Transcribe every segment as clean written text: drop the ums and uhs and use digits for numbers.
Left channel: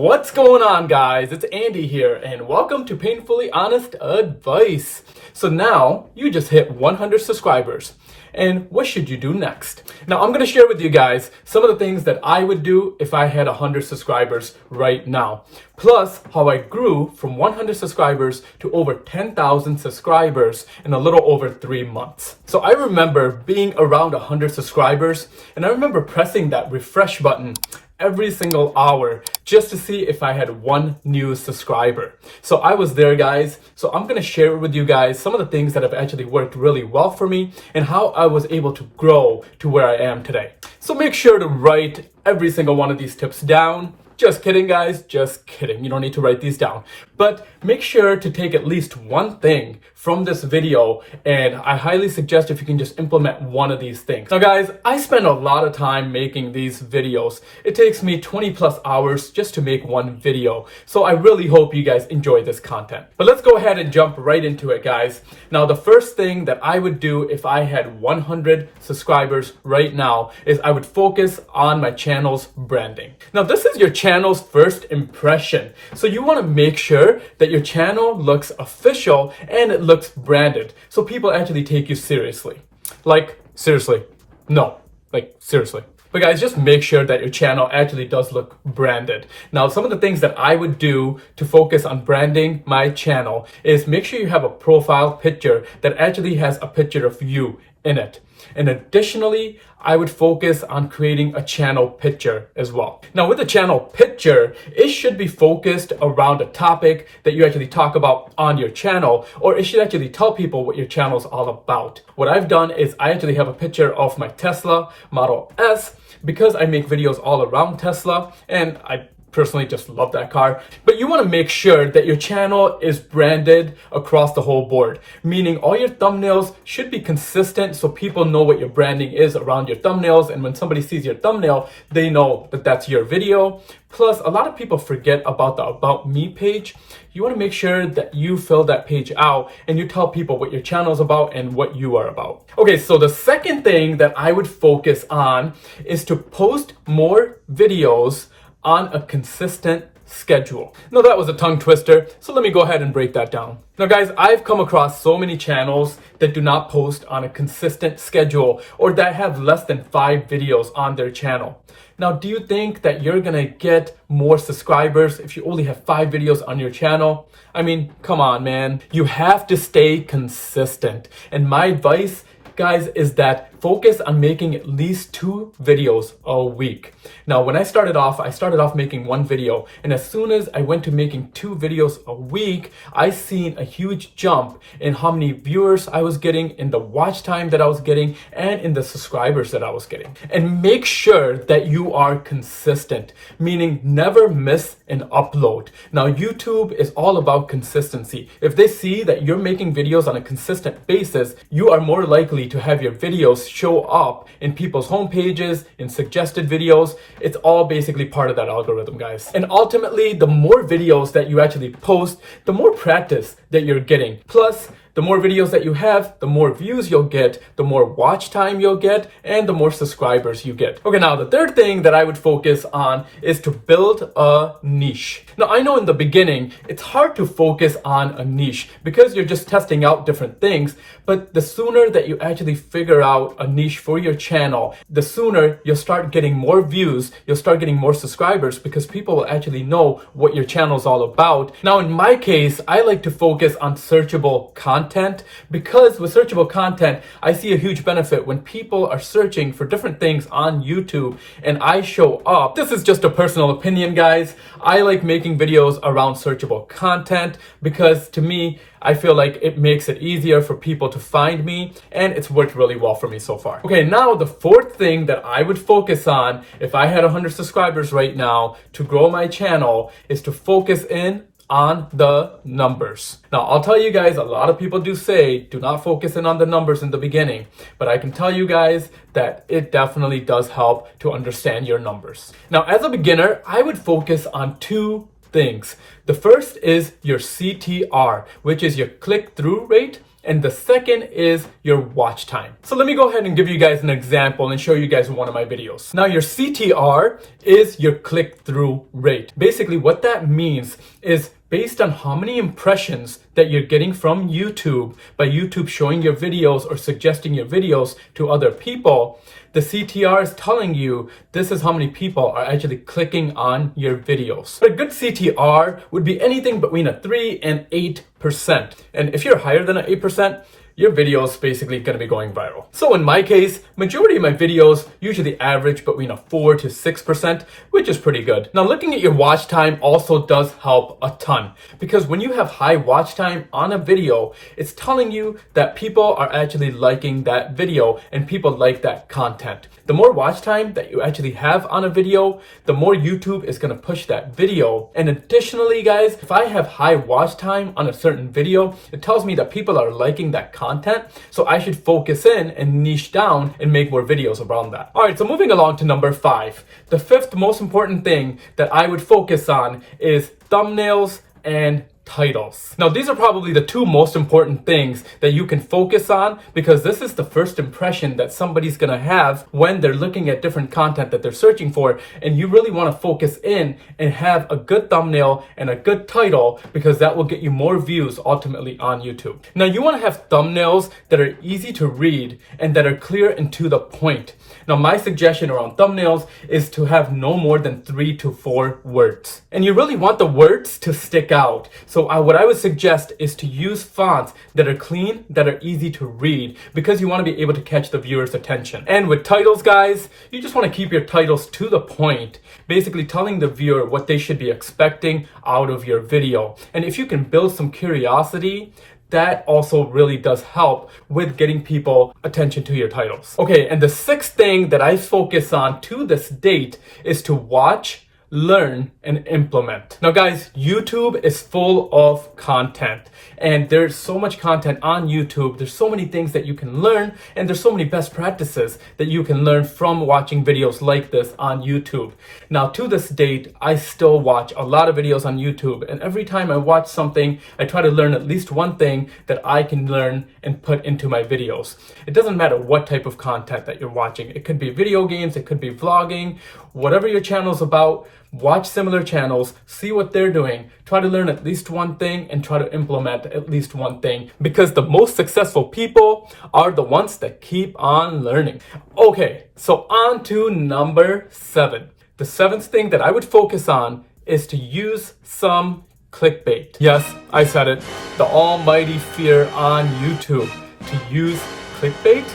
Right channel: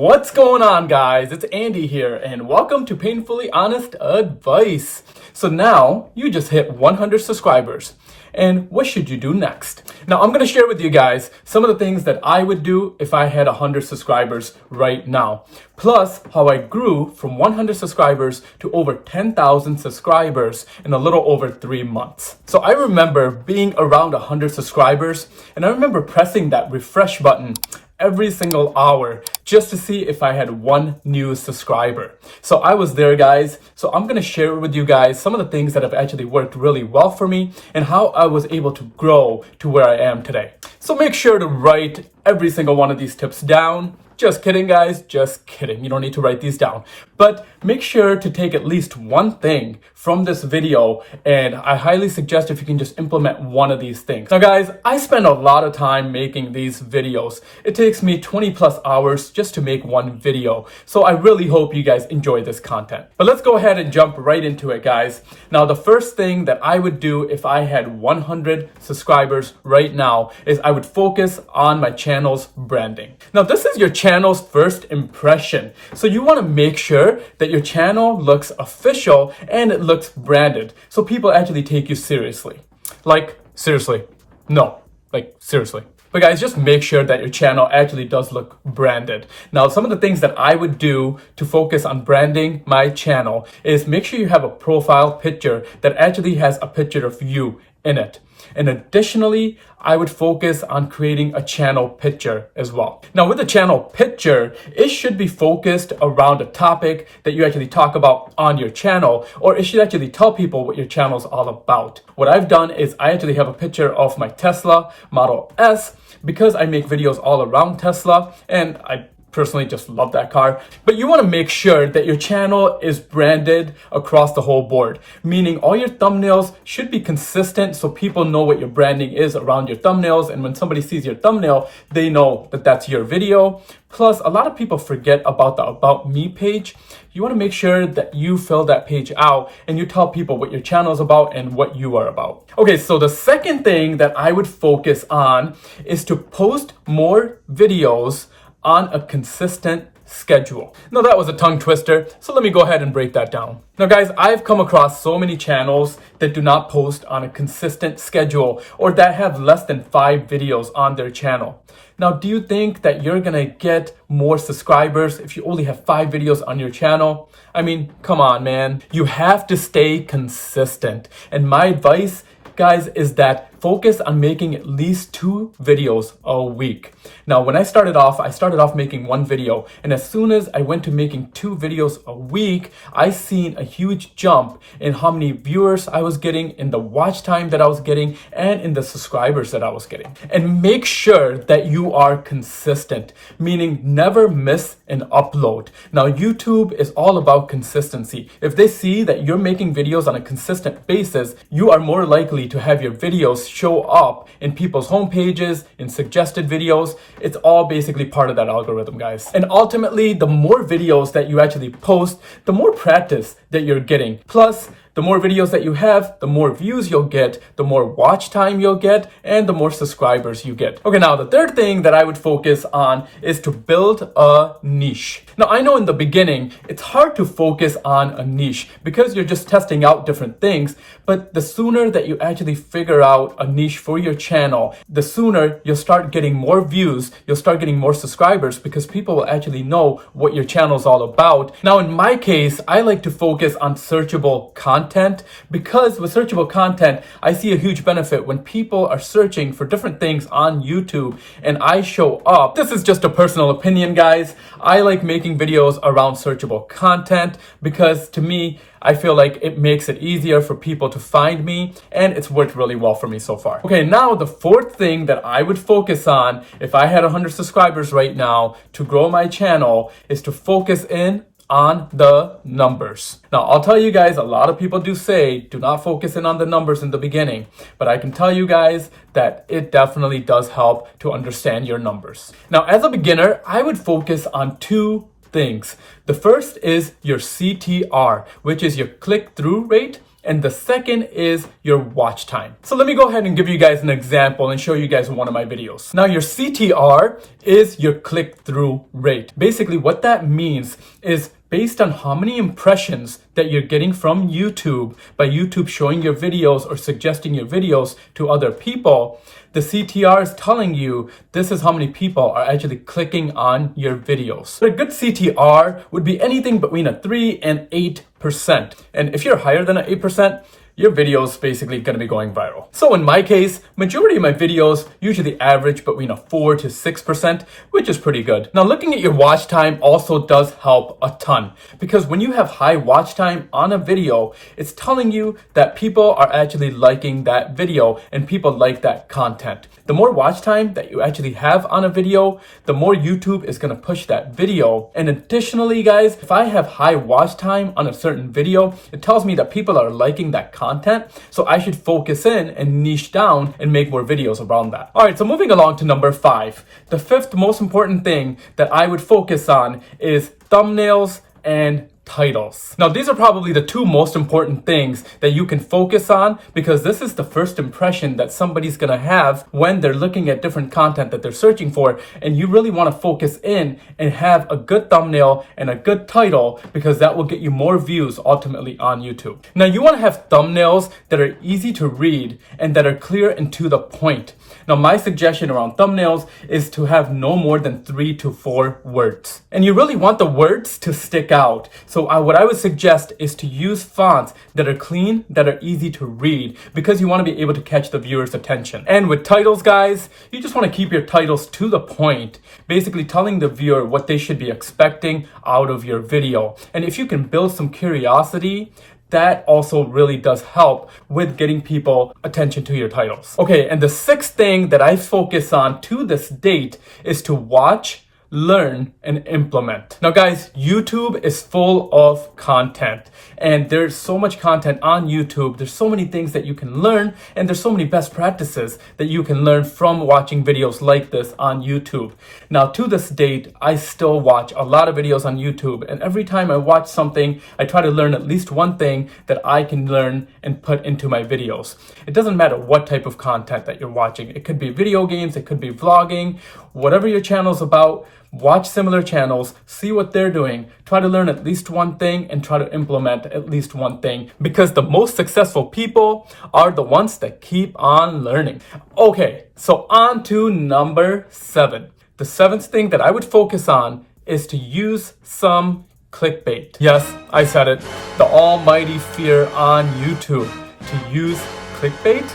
What's going on, guys? It's Andy here, and welcome to Painfully Honest Advice. So now you just hit 100 subscribers, and what should you do next? Now I'm going to share with you guys some of the things that I would do if I had 100 subscribers right now, plus how I grew from 100 subscribers to over 10,000 subscribers in a little over 3 months. So I remember being around 100 subscribers, and I remember pressing that refresh button every single hour just to see if I had one new subscriber. So I was there, guys. So I'm gonna share with you guys some of the things that have actually worked really well for me and how I was able to grow to where I am today. So make sure to write every single one of these tips down. Just kidding, guys, just kidding. You don't need to write these down. But make sure to take at least one thing from this video, and I highly suggest if you can just implement one of these things. Now, guys, I spend a lot of time making these videos. It takes me 20 plus hours just to make one video. So I really hope you guys enjoy this content. But let's go ahead and jump right into it, guys. Now, the first thing that I would do if I had 100 subscribers right now is I would focus on my channel's branding. Now, this is your channel's first impression. So you want to make sure that your channel looks official and it looks branded. So people actually take you seriously. Like, seriously. No, like, seriously. But guys, just make sure that your channel actually does look branded. Now, some of the things that I would do to focus on branding my channel is make sure you have a profile picture that actually has a picture of you in it. And additionally, I would focus on creating a channel picture as well. Now, with the channel picture, it should be focused around a topic that you actually talk about on your channel, or it should actually tell people what your channel is all about. What I've done is I actually have a picture of my Tesla Model S because I make videos all around Tesla, and I personally just love that car. But you want to make sure that your channel is branded across the whole board, meaning all your thumbnails should be consistent so people know what your branding is around your thumbnails, and when somebody sees your thumbnail, they know that that's your video. Plus, a lot of people forget about the About Me page. You want to make sure that you fill that page out and you tell people what your channel is about and what you are about. Okay, so the second thing that I would focus on is to post more videos on a consistent schedule. Now, that was a tongue twister, so let me go ahead and break that down. Now, guys, I've come across so many channels that do not post on a consistent schedule or that have less than 5 videos on their channel. Now, do you think that you're gonna get more subscribers if you only have 5 videos on your channel? I mean, come on, man. You have to stay consistent. And my advice, guys, is that focus on making at least 2 videos a week. Now, when I started off making 1 video, and as soon as I went to making 2 videos a week, I seen a huge jump in how many viewers I was getting, in the watch time that I was getting, and in the subscribers that I was getting. And make sure that you are consistent, meaning never miss an upload. Now, YouTube is all about consistency. If they see that you're making videos on a consistent basis, you are more likely to have your videos show up in people's homepages, in suggested videos. It's all basically part of that algorithm, guys. And ultimately, the more videos that you actually post, the more practice that you're getting. Plus, the more videos that you have, the more views you'll get, the more watch time you'll get, and the more subscribers you get. Okay, now the third thing that I would focus on is to build a niche. Now, I know in the beginning, it's hard to focus on a niche because you're just testing out different things, but the sooner that you actually figure out a niche for your channel, the sooner you'll start getting more views, you'll start getting more subscribers because people will actually know what your channel is all about. Now, in my case, I like to focus on searchable content because with searchable content, I see a huge benefit when people are searching for different things on YouTube and I show up. This is just a personal opinion, guys. I like making videos around searchable content because to me, I feel like it makes it easier for people to find me, and it's worked really well for me so far. Okay, now the fourth thing that I would focus on if I had 100 subscribers right now to grow my channel is to focus in on the numbers. Now, I'll tell you guys, a lot of people do say, do not focus in on the numbers in the beginning, but I can tell you guys that it definitely does help to understand your numbers. Now, as a beginner, I would focus on 2 things. The first is your CTR, which is your click-through rate, and the second is your watch time. So let me go ahead and give you guys an example and show you guys one of my videos. Now your CTR is your click-through rate. Basically what that means is based on how many impressions that you're getting from YouTube by YouTube showing your videos or suggesting your videos to other people, the CTR is telling you this is how many people are actually clicking on your videos. But a good CTR would be anything between a 3 and 8%. And if you're higher than an 8%, your video is basically going to be going viral. So in my case, majority of my videos usually average between a 4 to 6%, which is pretty good. Now looking at your watch time also does help a ton, because when you have high watch time on a video, it's telling you that people are actually liking that video and people like that content. The more watch time that you actually have on a video, the more YouTube is going to push that video. And additionally, guys, if I have high watch time on a certain video, it tells me that people are liking that content. So I should focus in and niche down and make more videos around that. All right, so moving along to number 5. The fifth most important thing that I would focus on is thumbnails and titles. Now, these are probably the two most important things that you can focus on, because this is the first impression that somebody's gonna have when they're looking at different content that they're searching for, and you really wanna focus in and have a good thumbnail and a good title, because that will get you more views ultimately on YouTube. Now, you wanna have thumbnails that are easy to read and that are clear and to the point. Now, my suggestion around thumbnails is to have no more than 3 to 4 words. And you really want the words to stick out. So what I would suggest is to use fonts that are clean, that are easy to read, because you want to be able to catch the viewer's attention. And with titles, guys, you just want to keep your titles to the point, basically telling the viewer what they should be expecting out of your video. And if you can build some curiosity, that also really does help with getting people attention to your titles. Okay, and the sixth thing that I focus on to this date is to watch, learn, and implement. Now guys, YouTube is full of content, and there's so much content on YouTube. There's so many things that you can learn, and there's so many best practices that you can learn from watching videos like this on YouTube. Now to this date, I still watch a lot of videos on YouTube, and every time I watch something, I try to learn at least one thing that I can learn and put into my videos. It doesn't matter what type of content that you're watching. It could be video games, it could be vlogging, whatever your channel's about. Watch similar channels, see what they're doing, try to learn at least one thing, and try to implement at least one thing, because the most successful people are the ones that keep on learning. Okay, so on to number 7. The 7th thing that I would focus on is to use some clickbait. Yes, I said it. The almighty fear on YouTube. To use clickbait?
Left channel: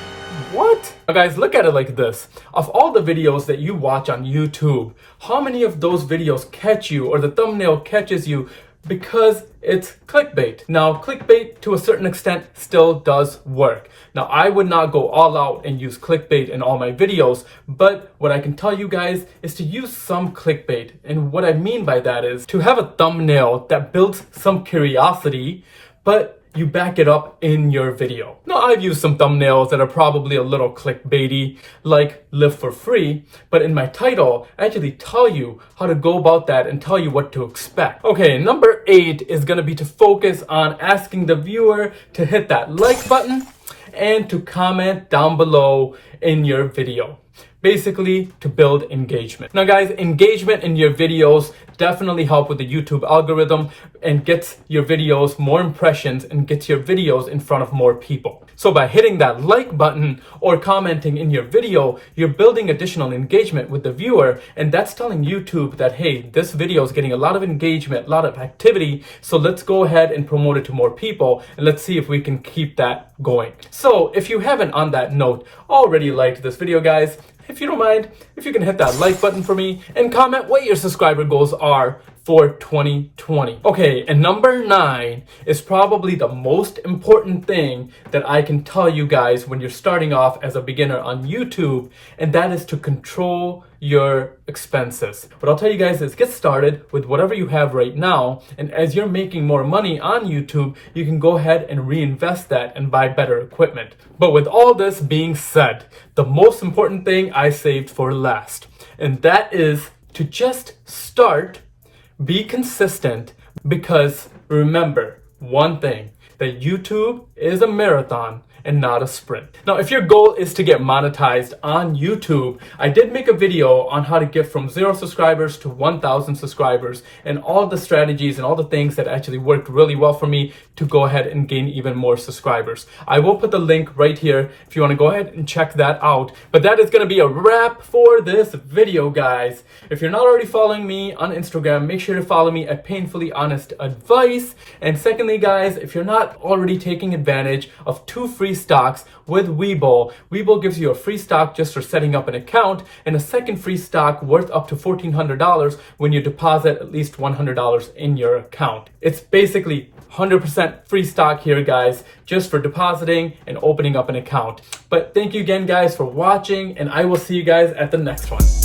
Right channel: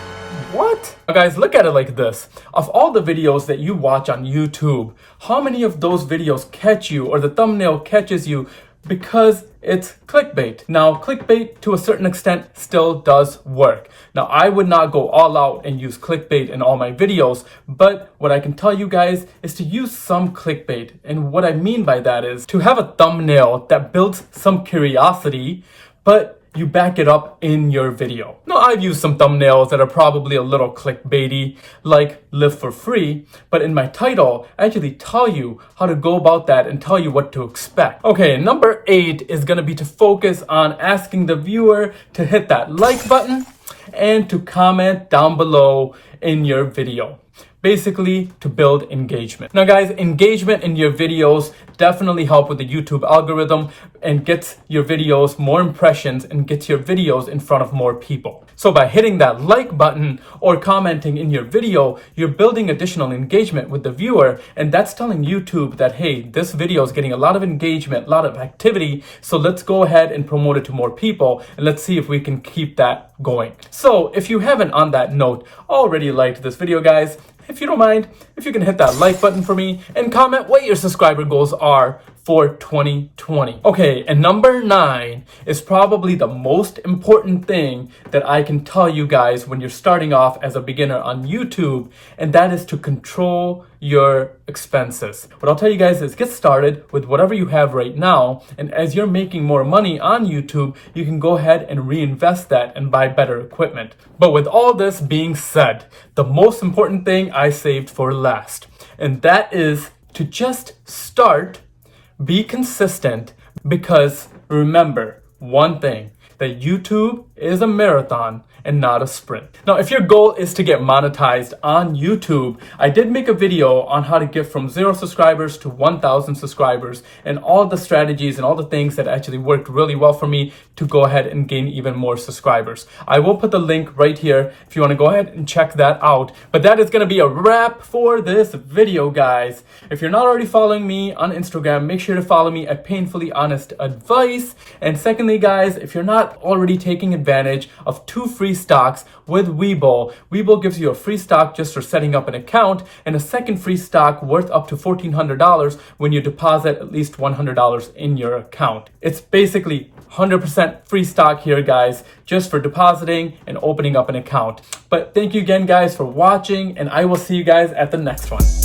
What? Now guys, look at it like this. Of all the videos that you watch on YouTube, how many of those videos catch you, or the thumbnail catches you because it's clickbait? Now, clickbait to a certain extent still does work. Now, I would not go all out and use clickbait in all my videos, but what I can tell you guys is to use some clickbait. And what I mean by that is to have a thumbnail that builds some curiosity, but you back it up in your video. Now, I've used some thumbnails that are probably a little clickbaity, like live for free, but in my title, I actually tell you how to go about that and tell you what to expect. Okay, number 8 is gonna be to focus on asking the viewer to hit that like button and to comment down below in your video. Basically, to build engagement. Now guys, engagement in your videos definitely help with the YouTube algorithm and gets your videos more impressions and gets your videos in front of more people. So by hitting that like button or commenting in your video, you're building additional engagement with the viewer, and that's telling YouTube that, hey, this video is getting a lot of engagement, a lot of activity, so let's go ahead and promote it to more people, and let's see if we can keep that going. So if you haven't, on that note, already liked this video, guys, if you don't mind, if you can hit that like button for me and comment what your subscriber goals are for 2020. Okay, and number 9 is probably the most important thing that I can tell you guys when you're starting off as a beginner on YouTube, and that is to control your expenses. What I'll tell you guys is get started with whatever you have right now, and as you're making more money on YouTube, you can go ahead and reinvest that and buy better equipment. But with all this being said, the most important thing I saved for last, and that is to just start. Be consistent, because remember one thing, that YouTube is a marathon and not a sprint. Now, if your goal is to get monetized on YouTube, I did make a video on how to get from 0 subscribers to 1,000 subscribers and all the strategies and all the things that actually worked really well for me to go ahead and gain even more subscribers. I will put the link right here if you want to go ahead and check that out. But that is going to be a wrap for this video, guys. If you're not already following me on Instagram, make sure to follow me at Painfully Honest Advice. And secondly, guys, if you're not already taking advantage of 2 free stocks with Webull, Webull gives you a free stock just for setting up an account and a second free stock worth up to $1,400 when you deposit at least $100 in your account. It's basically 100% free stock here, guys, just for depositing and opening up an account. But thank you again, guys, for watching, and I will see you guys at the next one.